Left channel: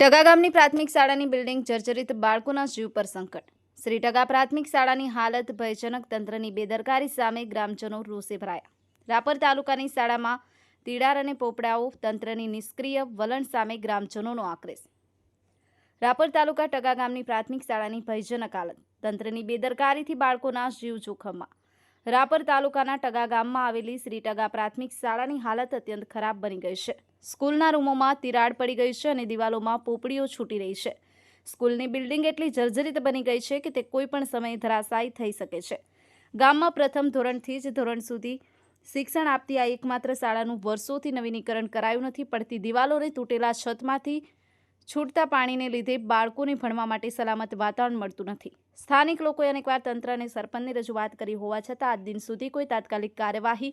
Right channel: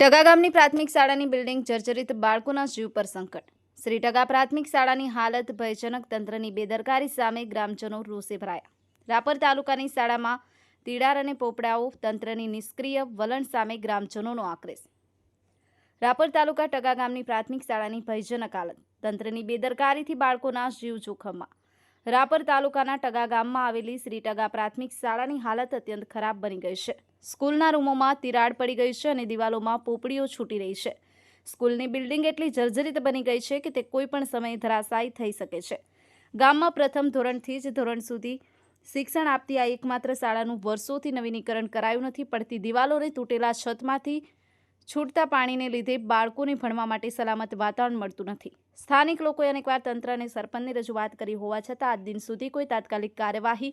ટગા ગામની પ્રાથમિક શાળાની બિલ્ડિંગ જર્જરિત બાળકોના જીવ પર સંકટ. શ્રી ટગા પ્રાથમિક શાળાની હાલત ભયજનક તંત્રની બેદરકારી સામે ગ્રામજનો રોષે ભરાયા. રાપર તાલુકાની શાળામાં તિડાર અને પોપડાઓ તંત્રની નિષ્ક્રિય વલણ સામે ગ્રામજનોનો આક્રેશ. રાપર તાલુકા ટગા ગામની પ્રાથમિક શાળાની ભયજનક હાલત તંત્રની બેદરકારીથી બાળકોના જીવ જોખમમાં. રાપર તાલુકાના ટગા ગામમાં આવેલી શ્રી ટગા પ્રાથમિક શાળાની હાલત અત્યંત ખરાબ બની ગઈ છે. સ્કૂલના રૂમોમાં તિરાડ પડી ગઈ છે અને દિવાલોમાં પોપડીઓ છૂટી રહી છે. સ્કૂલની બિલ્ડિંગ એટલી જર્જરિત બની ગઈ છે કે તે કોઈ પણ સમયે ધરાશાયી થઈ શકે છે. ગામમાં પ્રથમ ધોરણથી જ ધોરણ સુધી શિક્ષણ આપતી આ એકમાત્ર શાળાનું વર્ષોથી નવીનીકરણ કરાયું નથી, પડતી દિવાલોને તૂટેલા છતમાંથી છૂટતા પાણીને લીધે બાળકોને ભણવા માટે સલામત વાતાવરણ મળતું નથી. સ્થાનિક લોકોએ અનેકવાર તંત્ર અને સરપંચને રજૂઆત કરી હોવા છતાં આજ દિન સુધી કોઈ તાત્કાલિક કાર્યવાહી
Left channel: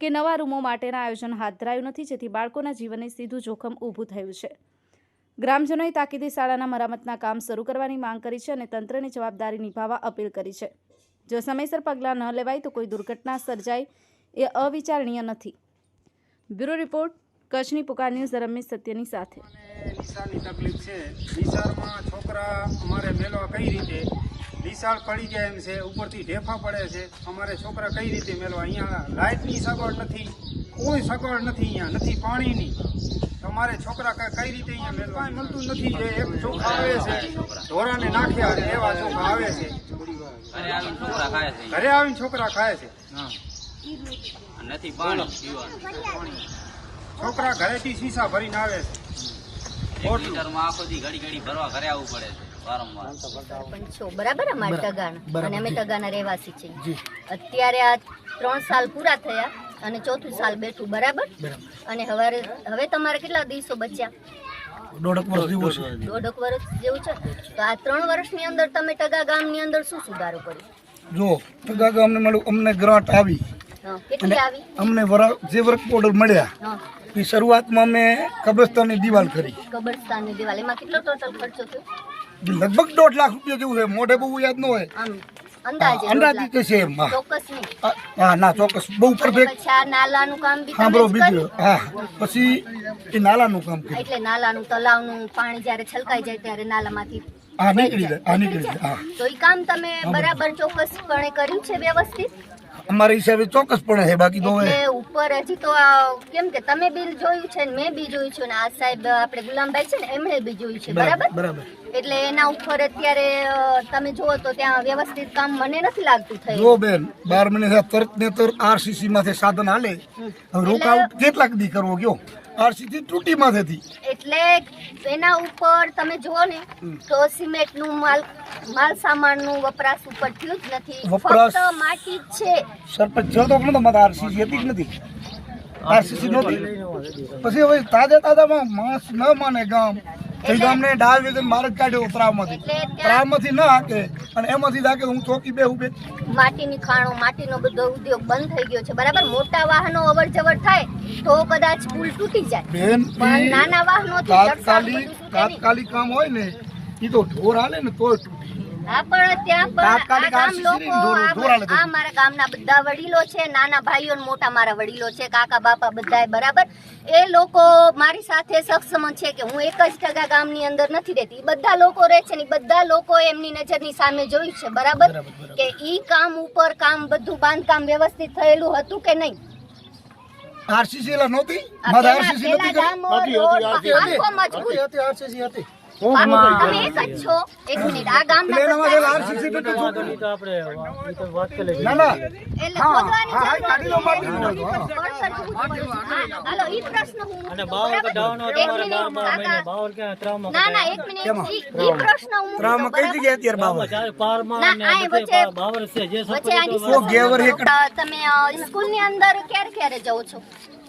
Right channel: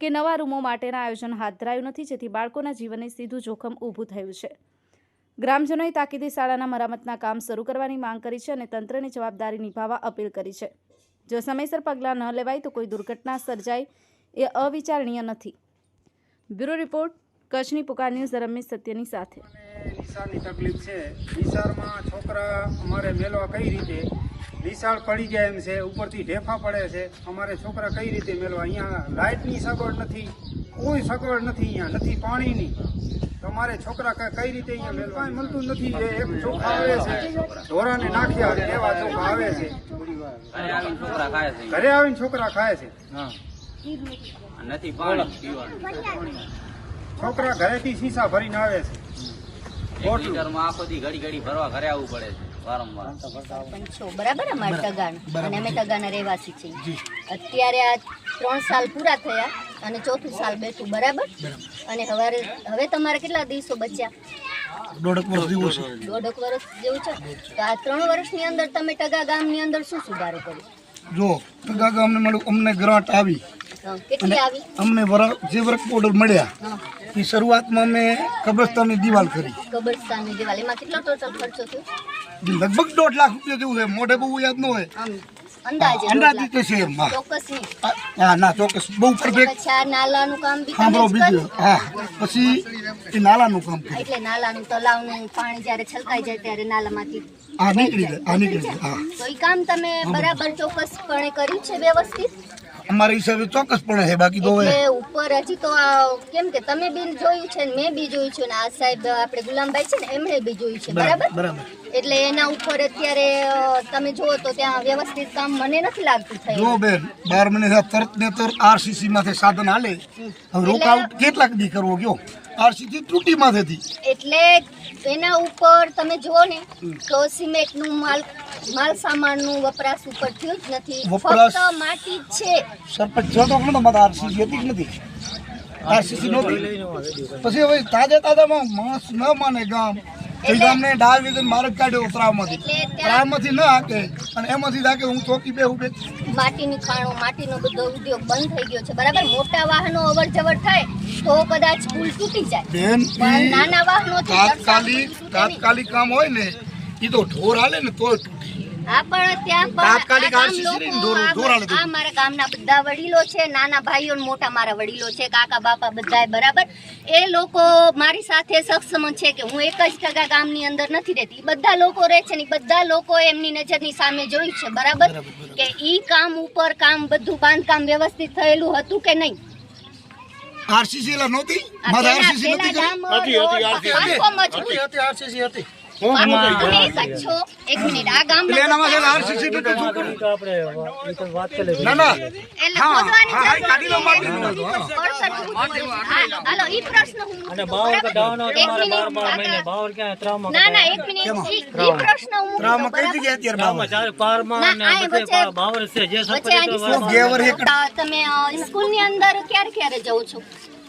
કે નવા રૂમો માટેના આયોજન હાથ ધરાયું નથી, જેથી બાળકોના જીવનને સીધું જોખમ ઊભું થયું છે. ગ્રામજનોએ તાકીદે શાળાના મરામતના કામ શરૂ કરવાની માંગ કરી છે અને તંત્રની જવાબદારી નિભાવવા અપીલ કરી છે. જો સમયસર પગલાં ન લેવાય તો કોઈ દુર્ઘટના સર્જાય એ અવિચારણીય નથી. બ્યુરો રિપોર્ટ, કચ્છની પુકાર ન્યૂઝ રમેશ સત્યની સાથે. તકલીફ છે. નિશાળમાં છોકરા અમારે મેળવા કઈ રીતે? નિશાળ પડી જાય એમ છે ઉપરથી ઢેફા પડે છે. અમારે છોકરા કઈ રીતે મેલવા અહીંયા લાઇટની સગવડ નથી કોઈ સગવડ નથી અહીંયા નથી પાણીની. તમારે છોકરા કઈ રીતે અહીંયા મેળવા? મળતું નથી નાખ્યા આવે છે ઘરે આવીને છોકરા ખાય છે. નથી છોકરા ઘરેથી શીશા ભરીને આવે છે. ઘડી ઘડી ભરવા ઘરે આવવું પડે છે. બરાબર અમારે અને અમે ટગાના રહેવાસી છીએ. અત્યારે આ ત્રણ સાલ પૂરા થયા અને ચોથું સાલ બેઠું. બરાબર? અને હવે હવે તમારે કેટલા દિવસો બચ્યા? દોઢક વર્ષ જેવું છે. દોઢક વર્ષ જેવું છે? તો આ ત્રણ વર્ષની અંદર તમે ટગા ગામની અંદર શું સુધારો કર્યો? જો ટગા ગામને મળ્યું અમને ગ્રાન્ટ આવી. કેટલી આવી? અમને જે વર્ક ઓર્ડર મળ્યા એ શરૂઆતમાં અમે કબ્રસ્તાનની દિવાલ કરી. કબ્રસ્તાનની દિવાલ. એમાં કેટલો ટોટલ ખર્ચો થયો? લગભગ દોઢ લાખ રૂપિયા જેવું છે મોઢે બહુ યાદ ન હોય. અંદાજે દોઢ છે હા. ચોક્કસ નહીં આ- હા ના ચોક્કસ. બહુ પરફેક્ટ નાલાનું કામ સાંભળો બીજું હા. પછી એ નાલાનું કામ એટલે નાલાનું તલાવનું પાણી જ્યારે છલકાઈ જાય ત્યારે નાલામાંથી હા નીકળી જાય હા નીકળી જાય. હા. તો એ કામ તમે બરાબર. ચોક્કસપણે કર્યું છે વ્યવસ્થિત? અમારા હિસાબે ચોક્કસપણે છે બાકી તો ઉપર હજી તો કેમ કે તમે બી જોયું છે ને મેં બી જોયું છે ને આ સાહેબ આપણે ગુલામભાઈ છે ને એમણે બી જોયું છે બરાબર એટલે એના ઉપર અત્યારે તમે જુઓ તો ત્યાં વ્યવસ્થિત કામ મને નથી લાગતું થયું જો બેન બાર મહિને તરત ને તરત આરસીસી માંથી સાધન હાલે. હવે રોકાઉટ કેટલાક દી કરવો ગયો આરસીસી ત્રુટી માંથી એટલે એના ઉપર તમે જુઓ ને તો સિમેન્ટનું માલ માલ સામાનનું વપરાશ ઉપર થયું જ નથી. વપરાશ- માટી જ છે. સરપંચ જો તો પણ તમારે આરસીસી હતી કે નથી? આરસીસી નહોતી? પછી હવે તાજા તાજામાં માણસ ન માને ગામ એ ગામને ડાળ માર્ગ કાઢ્યો ત્રાવમાંથી. ત્રાવમાંથી ન હાકે અને એમાંથી હાકે હું ચોકી બેહું બે. માટીની ખાણો માટીનો બધો ઉદ્યોગ બંધ થઈ ગયો છે. બરાબર? મોટા વાહનો અવર જવર થાય તો કદાચ પુલ તૂટી જાય. બેન પણ નાના વાહનો તાત્કાલિક તાત્કાલિક કામ હોય ને એ તો ઢોર હાલે ને તોય મારા ગામના બધા વડીલો છે નાના ભાઈઓ મોટા મારા વડીલો છે કાકા બાપા બધાય બરાબર. એ લોકો મારી સાથે સક્ષમ છે કે હું એક જ ટકા ગામની અંદર નથી રહેતી. ઈ બધા લોકો રહે છે ને બધા લોકો એમની નજરની સામે જોઈ છે બરાબર? કે ઈ કામ ઉપર કામ બધું બાંધકામ વ્યવસ્થિત થયેલું હતું કે નહીં? આરસીસી નહોતી? આરસીસી તમે એક જ છો. એક મિનિટ. આ બધા- આરસીસી નથી છોકરું. ના ના. હા હા હા કાઢી લો નથી. માટીનું હોય તો, હા પડતર જેવું હા, હાલો, ઈ પ્રશ્ન હું મૂકું. બરાબર? એક મિનિટ, કાકા. ના ના એક મિનિટ ઈ ઈ પ્રશ્ન હું મૂકું કઈ જગ્યાએ અત્યારે બાવા ના, આ વચ્ચે- વચ્ચે આની તો ગેવર એક તમે અ, સ્કૂલની અંદર ક્યારે ક્યારે જાઓ છો?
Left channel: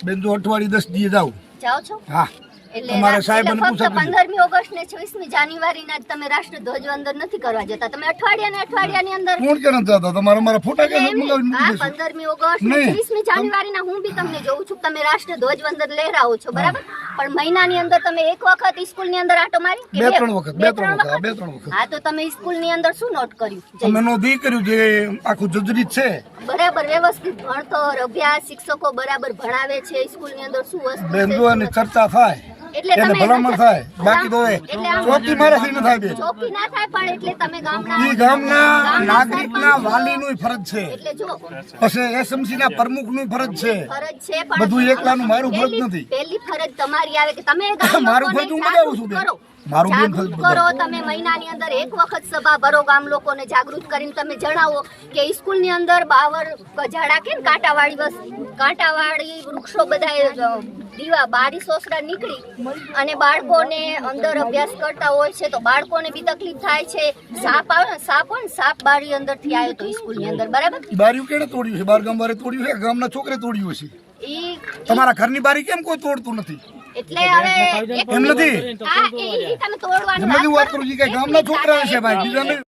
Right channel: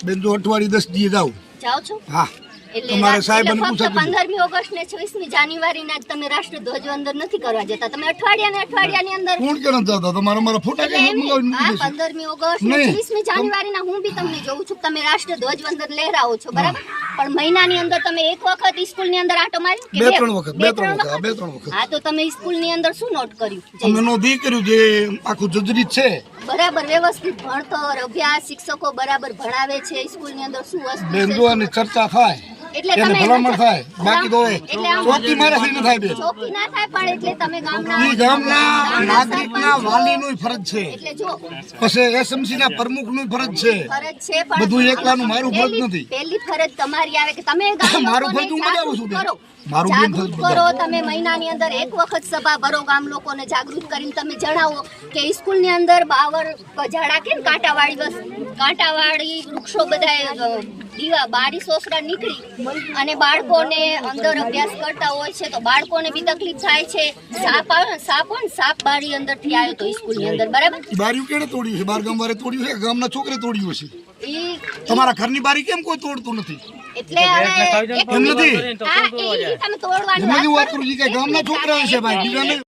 બેન જો અઠવાડિયે દસ દિવસ જાવ જાઓ છો? હા. તમારે સાહેબને એટલે ફક્ત પંદરમી ઓગસ્ટ ને છવ્વીસમી જાન્યુઆરીના જ તમે રાષ્ટ્રધ્વજ અંદર નથી કરવા જતા. તમે અઠવાડિયા ને અઠવાડિયાની અંદર કોણ કેમ જતા તમારા મારા ફોટા કેમ એમ મૂકી આ દેશું? 15મી ઓગસ્ટ ને નહીં. 20મી જાન્યુઆરીના હું બી તમને જોઉં છું તમે રાષ્ટ્રધ્વજ વંદન લહેરાવો છો બરાબર? પણ મહિનાની અંદર તમે એક વખત સ્કૂલની અંદર આટો મારી કે બે ત્રણ વખત બે ત્રણ વખત બે ત્રણ વખત. હા તો તમે સ્કૂલની અંદર શું નોટ કર્યું? અમે નોંધી કર્યું જે આખું જજરીત છે. બરાબર વ્યવસ્થિત ભણતર અભ્યાસ શિક્ષકો બરાબર ભણાવે છે સ્કૂલની અંદર શું વસ્તુ બેન છે જો આની ચર્ચા થાય એટલે ભલામણ થાય બાકી તો ચોકી મારાથી ન થાય બે ચોકી ના થાય પણ એટલે તમે ગામના ઈ ગામના નાગરિકના વાલીનું ફરજ છે એટલે જો પછી એસએમસી ના પ્રમુખનું ફરજ છે ફરજ છે પણ બધું એકલાનું મારું ફરજ નથી. પહેલી ફરજ તમારી આવે કે તમે મારું ફરજ હું બજાવું છું. મારું બેન કરો. તમે મહિનાની અંદર એક વખત સભા ભરો ગામ લોકોને જાગૃત કરીને તમે જણાવો કે સ્કૂલની અંદર બાવર ઝાડા કેમ ને કાંટાવાળી બસ કાંટાવાળી વૃક્ષો બધા દીવા બારી સોસરા નીકળી અને બાળકોને અંદર અભ્યાસ કરતા હોય છે તો બાળકોને બી તકલીફ થાય છે. સાપ આવે સાપ હોય ને સાપ બારી અંદરથી આવ્યો તો સ્કૂલની અંદર બરાબર? બારી બારીઓ તોડી તોડ્યું છે? બાર ગામ તોડ્યું છે? ગામના છોકરે તોડ્યું છે તમારા ઘરની બારી કેમ કોઈ તોડતું નથી? એટલે હવે એમ નથી? હા, એ- એ તમે તોડવાની વાત કરું. કે ગામના છોકરા છે ભાઈ? બીજા નહીં